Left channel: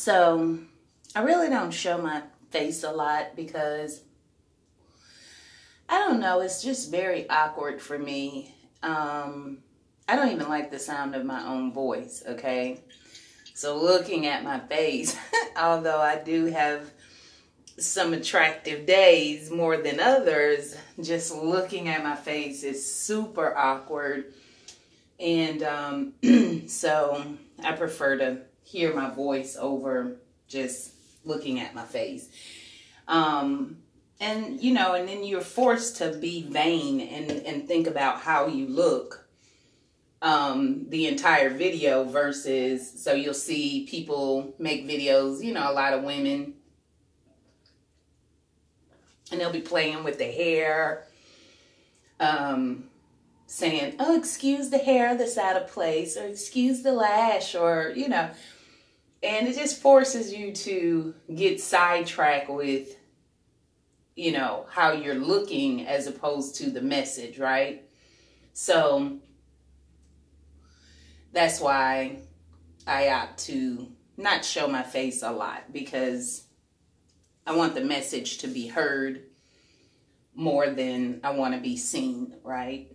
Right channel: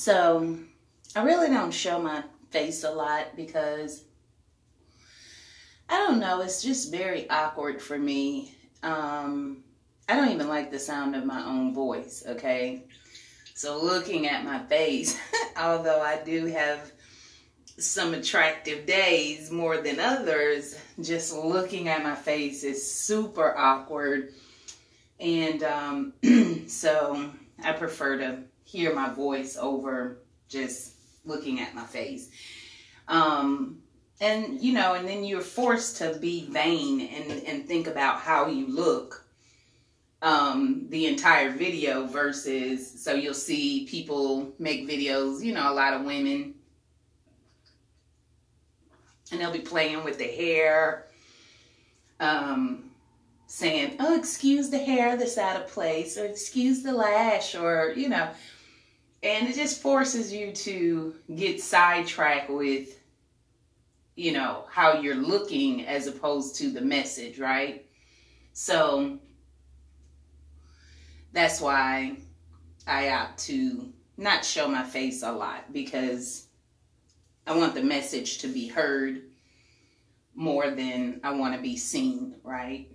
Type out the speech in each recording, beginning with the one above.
So I really don't show my face a lot because I don't know, it's just very awkward for me. I don't even like the sound of my own voice, okay? So looking at my face, although I do have some attractive days more than others, just looking at my face is super awkward. And so I prefer to hear my voice over just looking at my face. And, you know, and then you're forced to be vain and think about how you look the entire video versus, so you'll see people make videos, you know, a lot of women, and they'll be playing with the hair, saying, oh, excuse the hair that's out of place, or excuse the lash, or, you know, and it just forces you to get sidetracked with, you know, how you're looking as opposed to the message, right? So that's why I opt to not show my face a lot, because I want the message to be heard more than I want to be seen, right?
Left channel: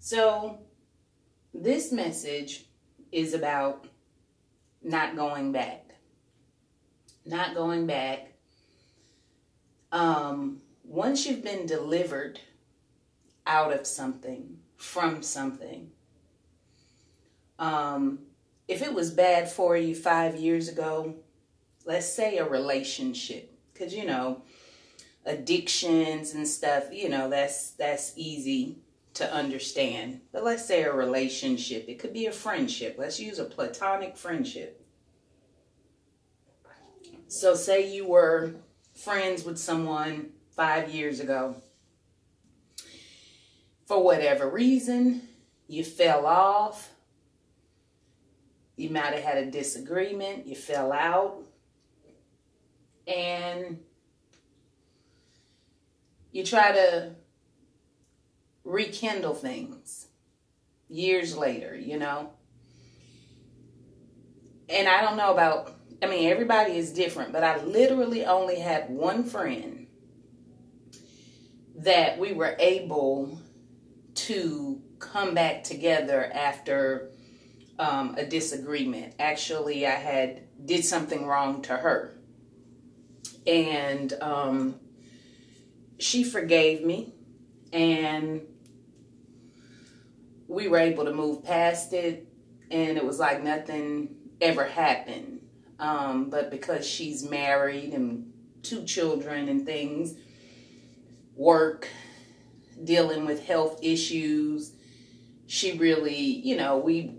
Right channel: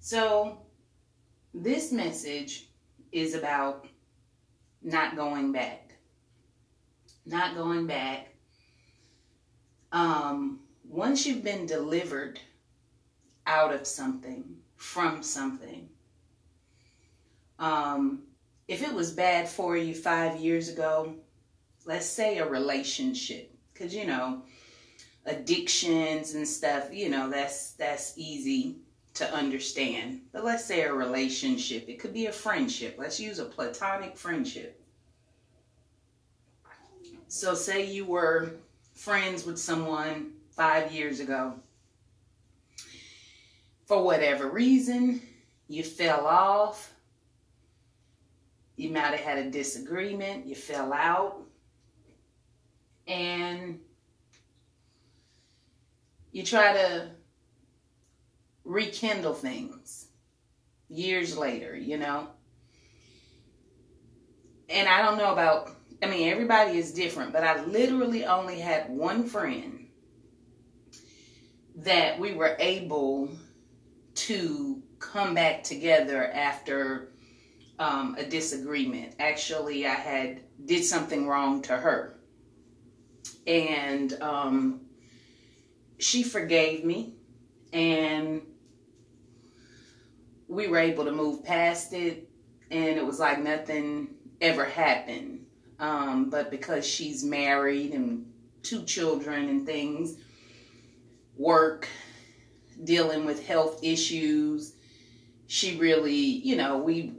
So this message is about not going back. Not going back. Once you've been delivered out of something, from something, if it was bad for you 5 years ago, let's say a relationship, because, you know, addictions and stuff, you know, that's easy to understand. But let's say a relationship, it could be a friendship. Let's use a platonic friendship. So say you were friends with someone 5 years ago. For whatever reason, you fell off. You might have had a disagreement. You fell out. And you try to rekindle things years later, you know. And I don't know about, I mean, everybody is different, but I literally only had one friend that we were able to come back together after a disagreement. Actually, I did something wrong to her. And she forgave me, and we were able to move past it, and it was like nothing ever happened. But because she's married and 2 children and things, work, dealing with health issues, she really, you know, we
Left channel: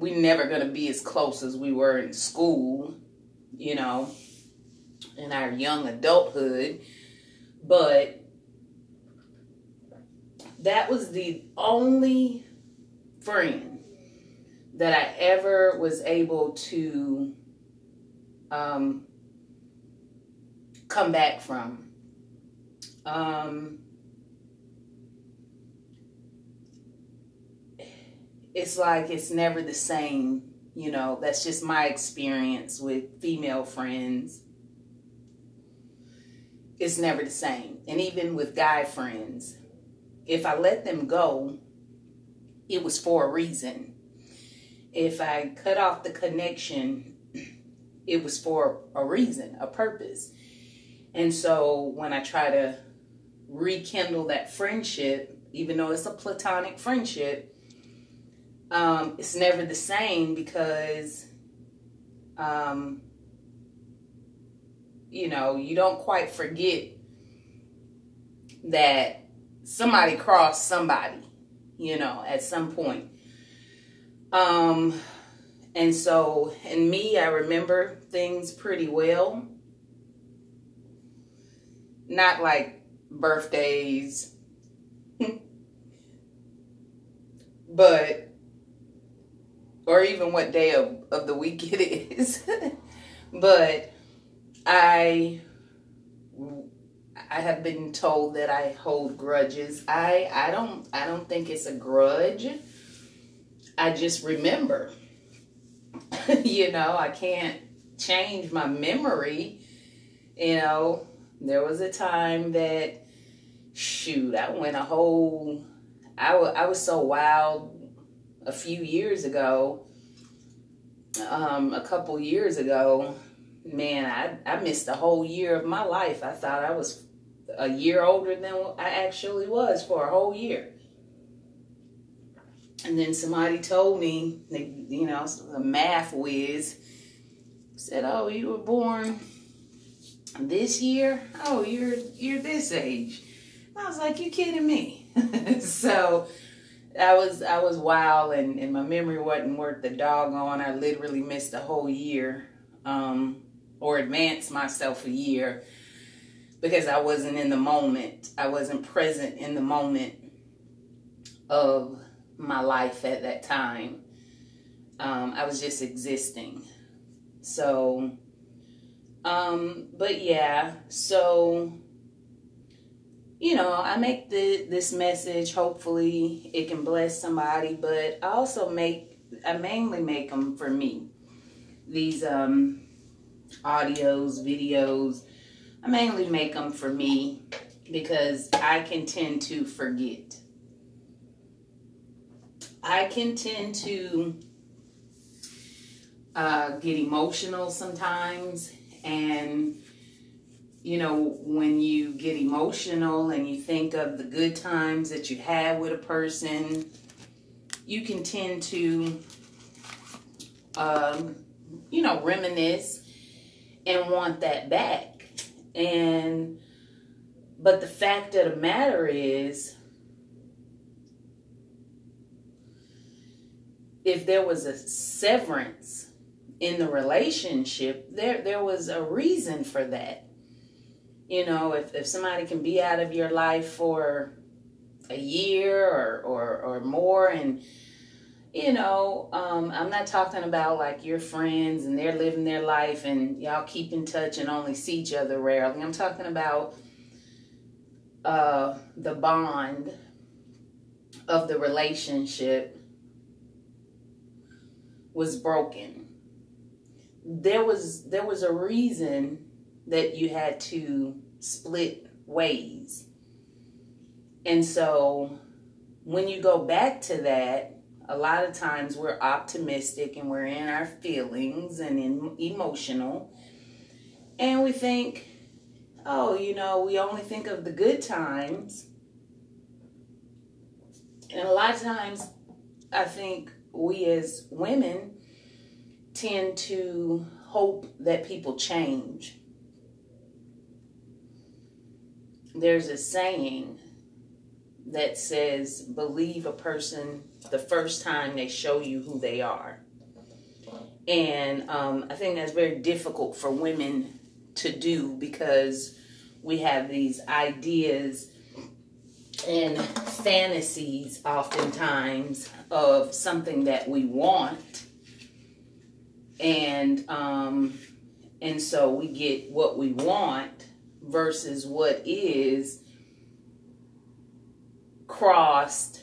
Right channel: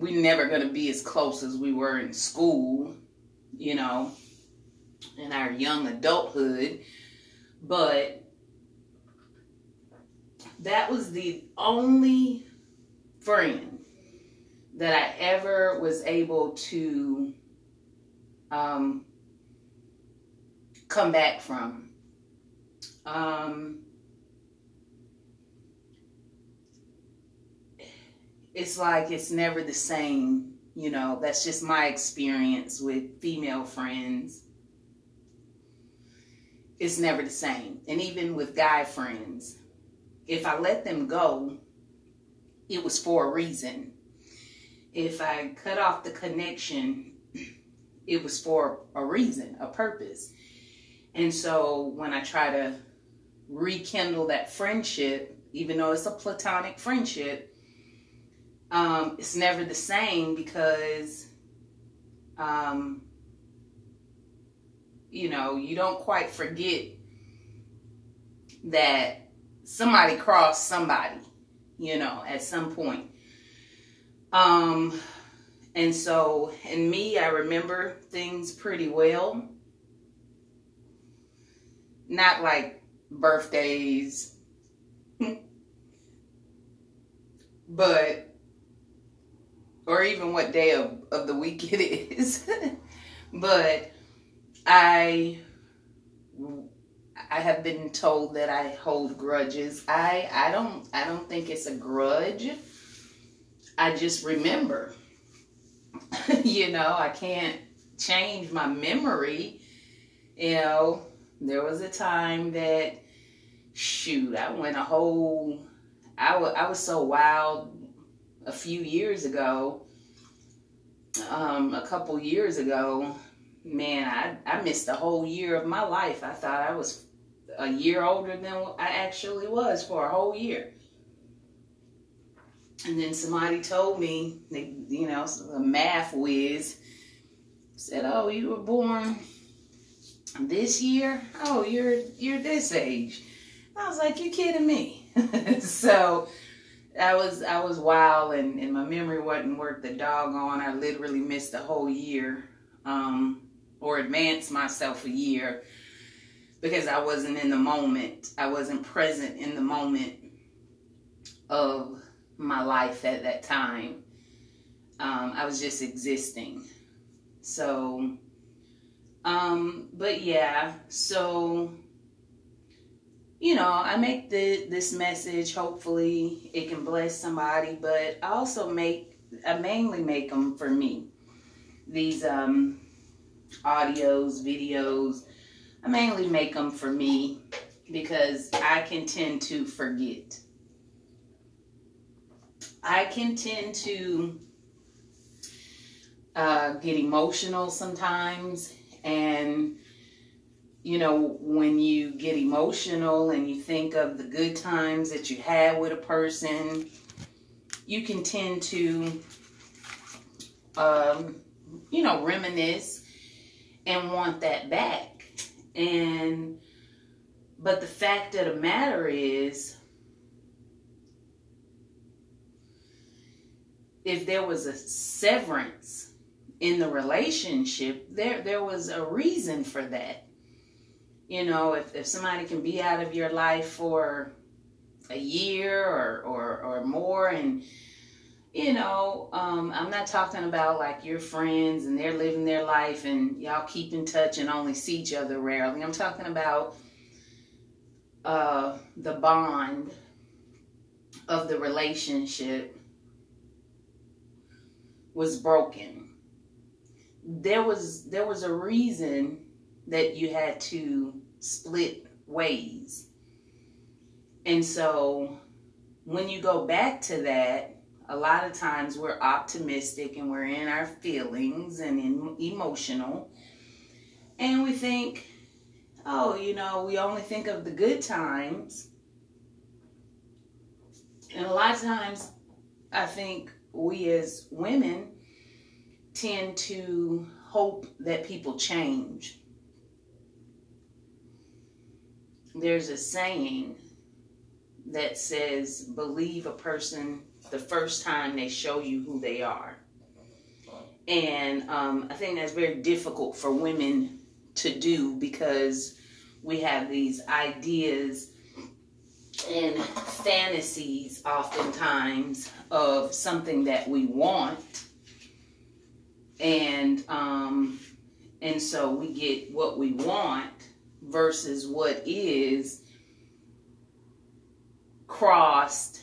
never going to be as close as we were in school, you know, in our young adulthood. But that was the only friend that I ever was able to come back from. It's like it's never the same, you know. That's just my experience with female friends. It's never the same. And even with guy friends, if I let them go, it was for a reason. If I cut off the connection, it was for a reason, a purpose. And so when I try to rekindle that friendship, even though it's a platonic friendship, it's never the same because, you know, you don't quite forget that somebody crossed somebody, you know, at some point. And so, in me, I remember things pretty well. Not like birthdays, but, or even what day of the week it is. But I have been told that I hold grudges. I don't think it's a grudge. I just remember. You know, I can't change my memory. You know, there was a time that, shoot, I went a whole, I was so wild a few years ago, a couple years ago, man, I missed a whole year of my life. I thought I was a year older than I actually was for a whole year. And then somebody told me, you know, a math whiz said, "Oh, you were born this year? Oh, you're this age." I was like, "You kidding me?" So I was wild, and my memory wasn't worth the doggone. I literally missed a whole year, or advanced myself a year, because I wasn't in the moment. I wasn't present in the moment of my life at that time. I was just existing. So, but yeah, so, you know, I make this message, hopefully it can bless somebody, but I also I mainly make them for me. These audios, videos, I mainly make them for me because I can tend to forget. I can tend to get emotional sometimes, and you know, when you get emotional and you think of the good times that you had with a person, you can tend to, you know, reminisce and want that back. But the fact of the matter is, if there was a severance in the relationship, there was a reason for that. You know, if somebody can be out of your life for a year or more, and, you know, I'm not talking about like your friends and they're living their life and y'all keep in touch and only see each other rarely. I'm talking about the bond of the relationship was broken. There was a reason that you had to split ways. And so when you go back to that, a lot of times we're optimistic and we're in our feelings and emotional. And we think, oh, you know, we only think of the good times. And a lot of times I think we as women tend to hope that people change. There's a saying that says, believe a person the first time they show you who they are. And I think that's very difficult for women to do, because we have these ideas and fantasies oftentimes of something that we want. And so we get what we want versus what is crossed,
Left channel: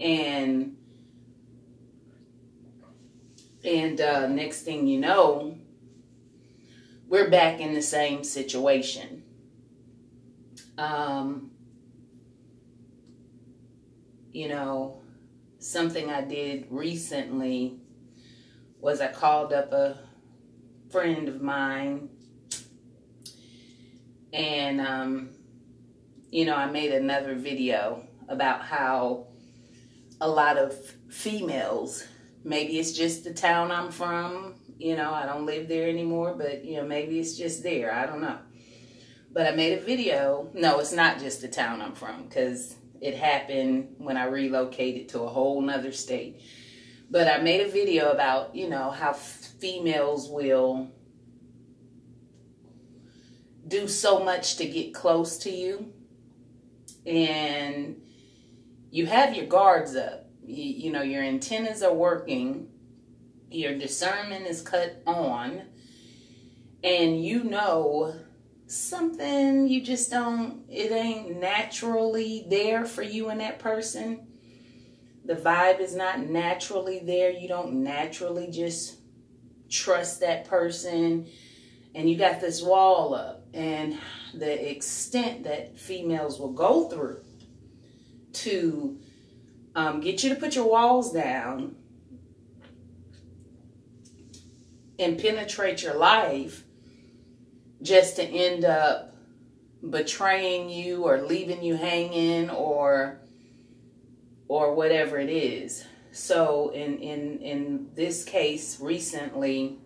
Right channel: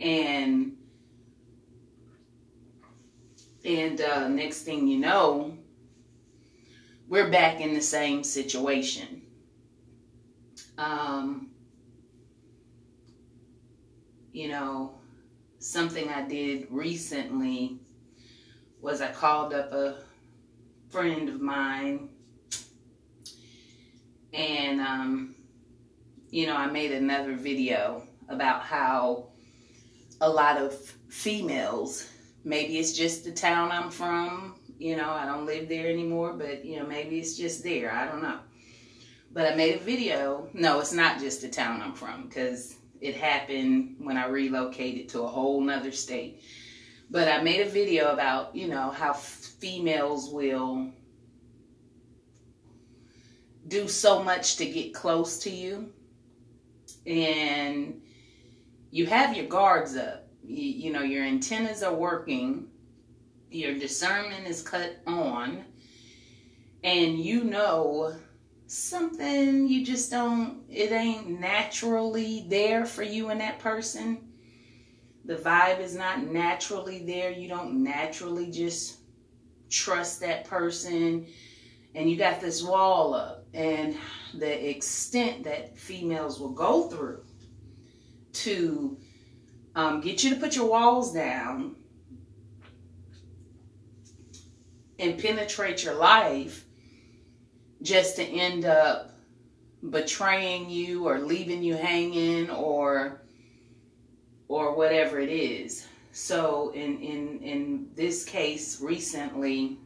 and next thing you know, we're back in the same situation. You know, something I did recently was I called up a friend of mine, and you know, I made another video about how a lot of females, maybe it's just the town I'm from, you know, I don't live there anymore, but, you know, maybe it's just there, I don't know. But I made a video. No, it's not just the town I'm from, because it happened when I relocated to a whole nother state. But I made a video about, you know, how females will do so much to get close to you, and you have your guards up. You know, your antennas are working, your discernment is cut on, and you know something you just don't, it ain't naturally there for you and that person. the vibe is not naturally there. You don't naturally just trust that person, and you got this wall up. And the extent that females will go through to get you to put your walls down and penetrate your life just to end up betraying you or leaving you hanging or whatever it is. So in this case recently,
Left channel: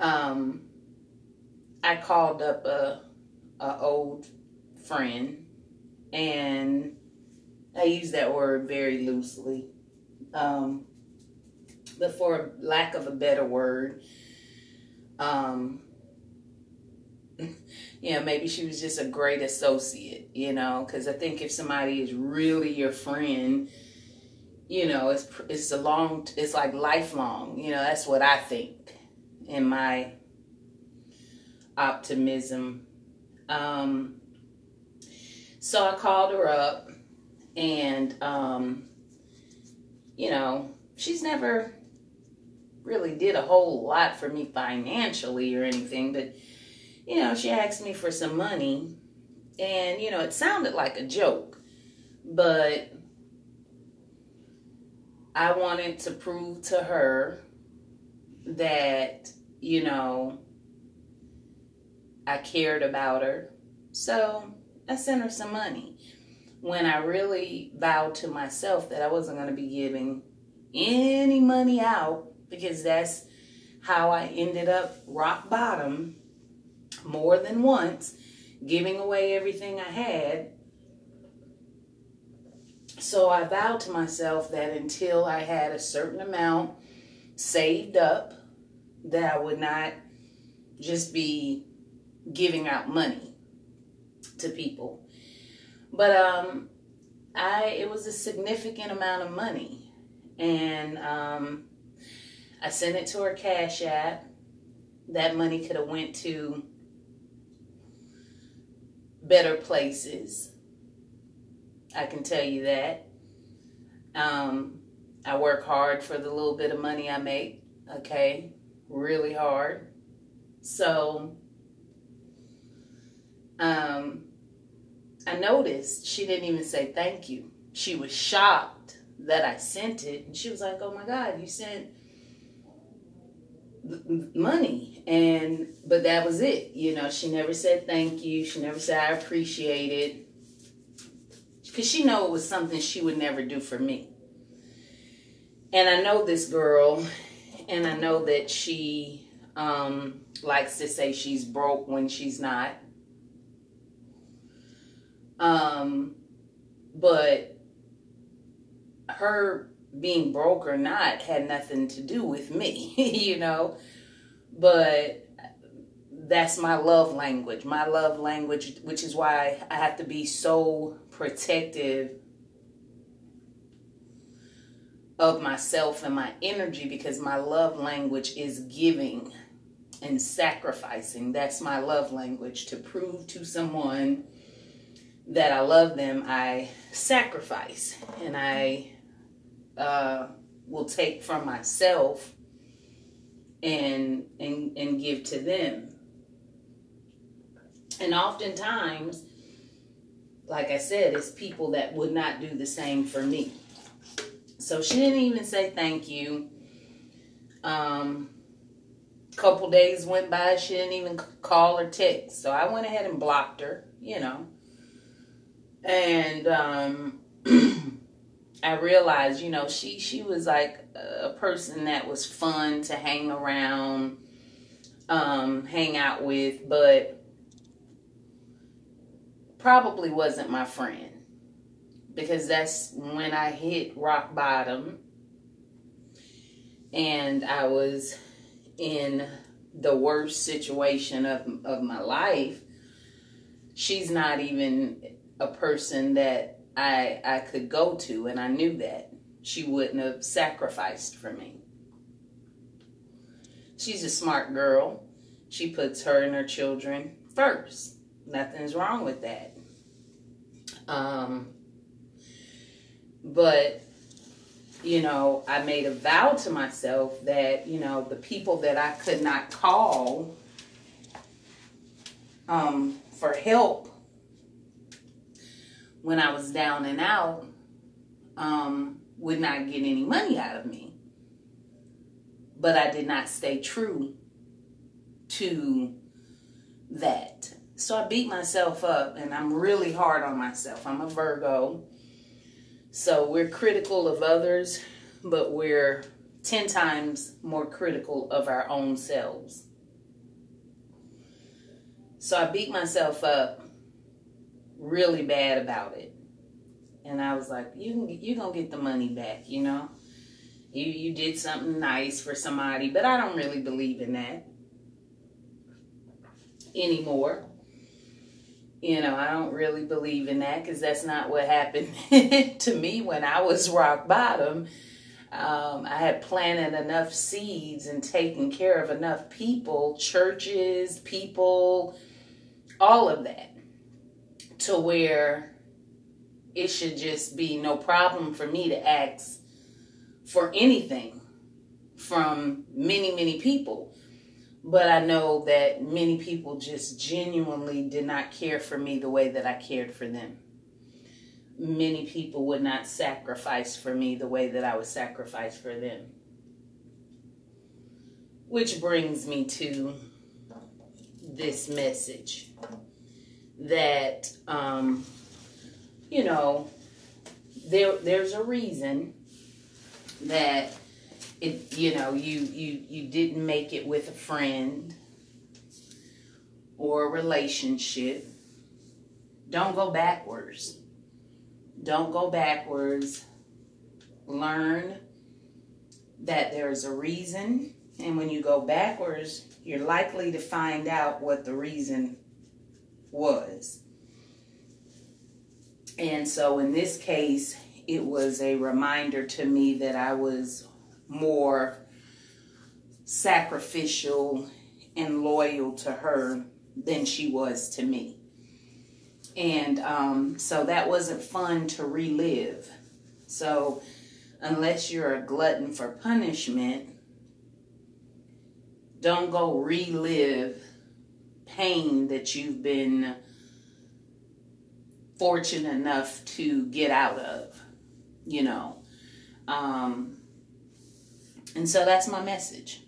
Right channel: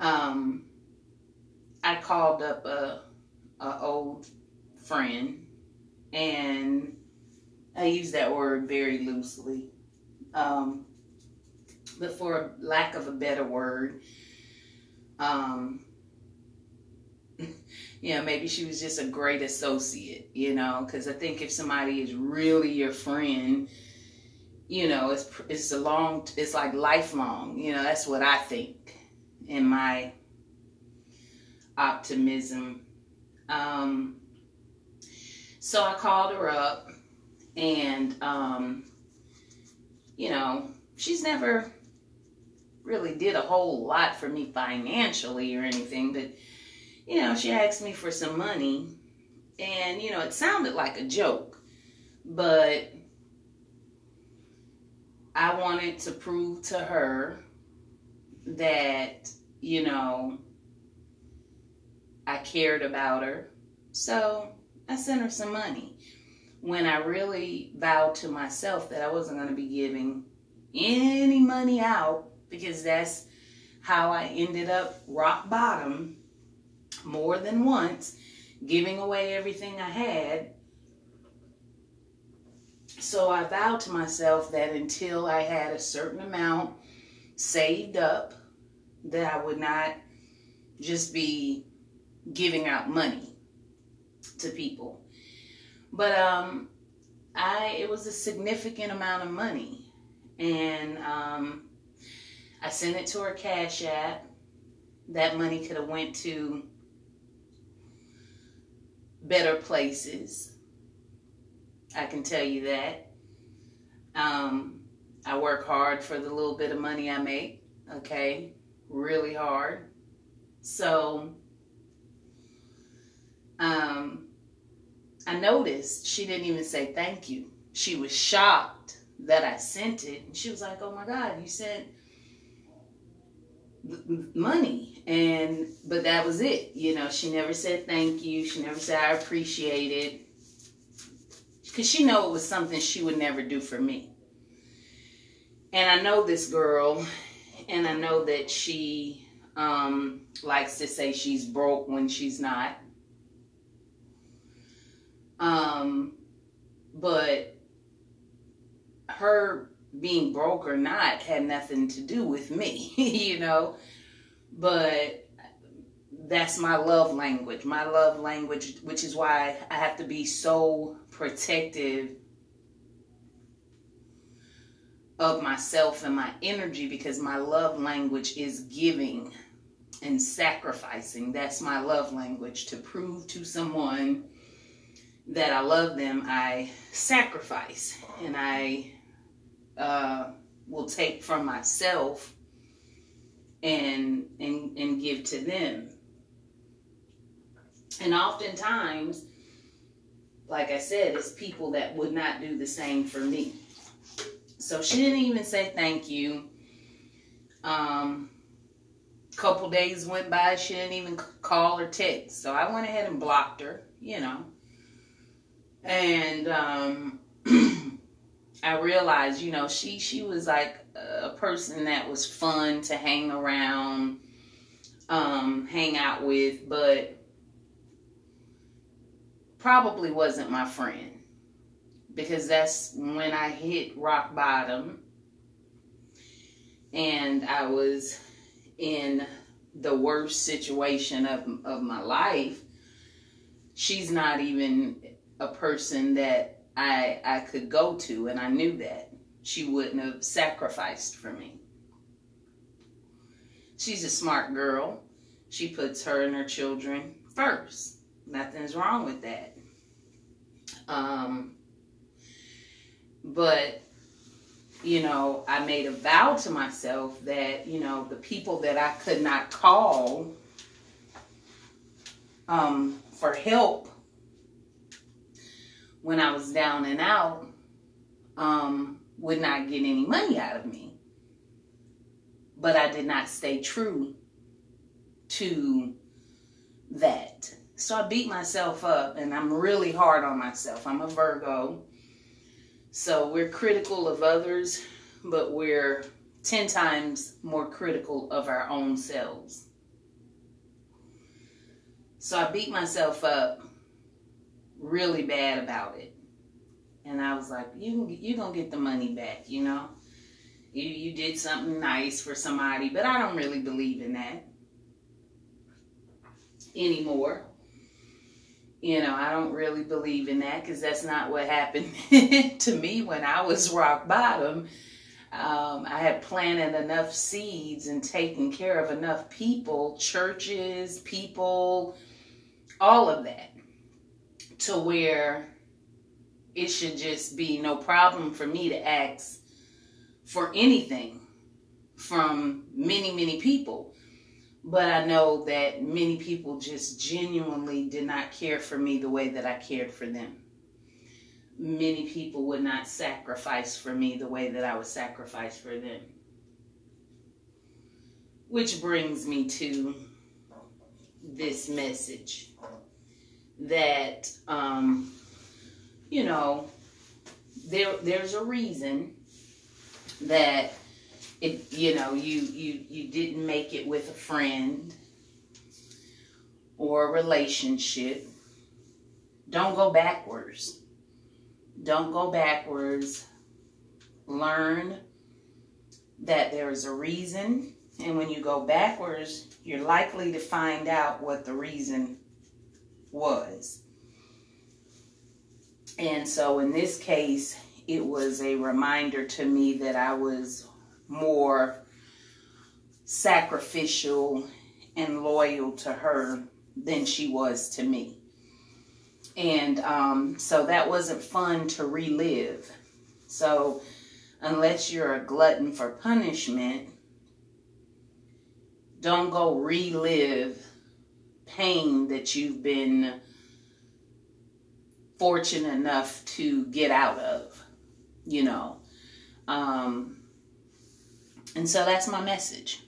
I called up a old friend, and I use that word very loosely. But for lack of a better word, you know, maybe she was just a great associate, you know, because I think if somebody is really your friend, you know, it's like lifelong, you know, that's what I think in my optimism. So I called her up, and, you know, she's never really did a whole lot for me financially or anything, but, you know, she asked me for some money, and, you know, it sounded like a joke, but I wanted to prove to her that, you know, I cared about her. So I sent her some money when I really vowed to myself that I wasn't going to be giving any money out, because that's how I ended up rock bottom more than once, giving away everything I had. So I vowed to myself that until I had a certain amount saved up, that I would not just be giving out money to people. But it was a significant amount of money, and I sent it to her Cash App. That money could have went to better places, I can tell you that. I work hard for the little bit of money I make, okay? Really hard. So I noticed she didn't even say thank you. She was shocked that I sent it, and she was like, oh my God, you sent money. But that was it. You know, she never said thank you. She never said I appreciate it, because she knew it was something she would never do for me. And I know this girl, and I know that she likes to say she's broke when she's not. But her being broke or not had nothing to do with me, you know. But that's my love language. My love language, which is why I have to be so protective of myself and my energy, because my love language is giving and sacrificing. That's my love language. To prove to someone that I love them, I sacrifice, and I will take from myself and give to them. And oftentimes, like I said, it's people that would not do the same for me. So she didn't even say thank you. Couple days went by, she didn't even call or text. So I went ahead and blocked her, you know. And I realized, you know, she was like a person that was fun to hang around, hang out with, but probably wasn't my friend, because that's when I hit rock bottom and I was in the worst situation of my life. She's not even a person that I could go to, and I knew that. She wouldn't have sacrificed for me. She's a smart girl. She puts her and her children first. Nothing's wrong with that. But, you know, I made a vow to myself that, you know, the people that I could not call for help when I was down and out would not get any money out of me. But I did not stay true to that. So I beat myself up, and I'm really hard on myself. I'm a Virgo. So we're critical of others, but we're 10 times more critical of our own selves. So I beat myself up really bad about it. And I was like, you're going to get the money back, you know. You did something nice for somebody, but I don't really believe in that anymore. You know, I don't really believe in that because that's not what happened to me when I was rock bottom. I had planted enough seeds and taken care of enough people, churches, people, all of that, to where it should just be no problem for me to ask for anything from many, many people. But I know that many people just genuinely did not care for me the way that I cared for them. Many people would not sacrifice for me the way that I would sacrifice for them. Which brings me to this message that, you know, there's a reason that you know, you didn't make it with a friend or a relationship. Don't go backwards. Don't go backwards. Learn that there's a reason. And when you go backwards, you're likely to find out what the reason was. And so in this case, it was a reminder to me that I was more sacrificial and loyal to her than she was to me. And so that wasn't fun to relive. So unless you're a glutton for punishment, don't go relive pain that you've been fortunate enough to get out of, you know. And so that's my message.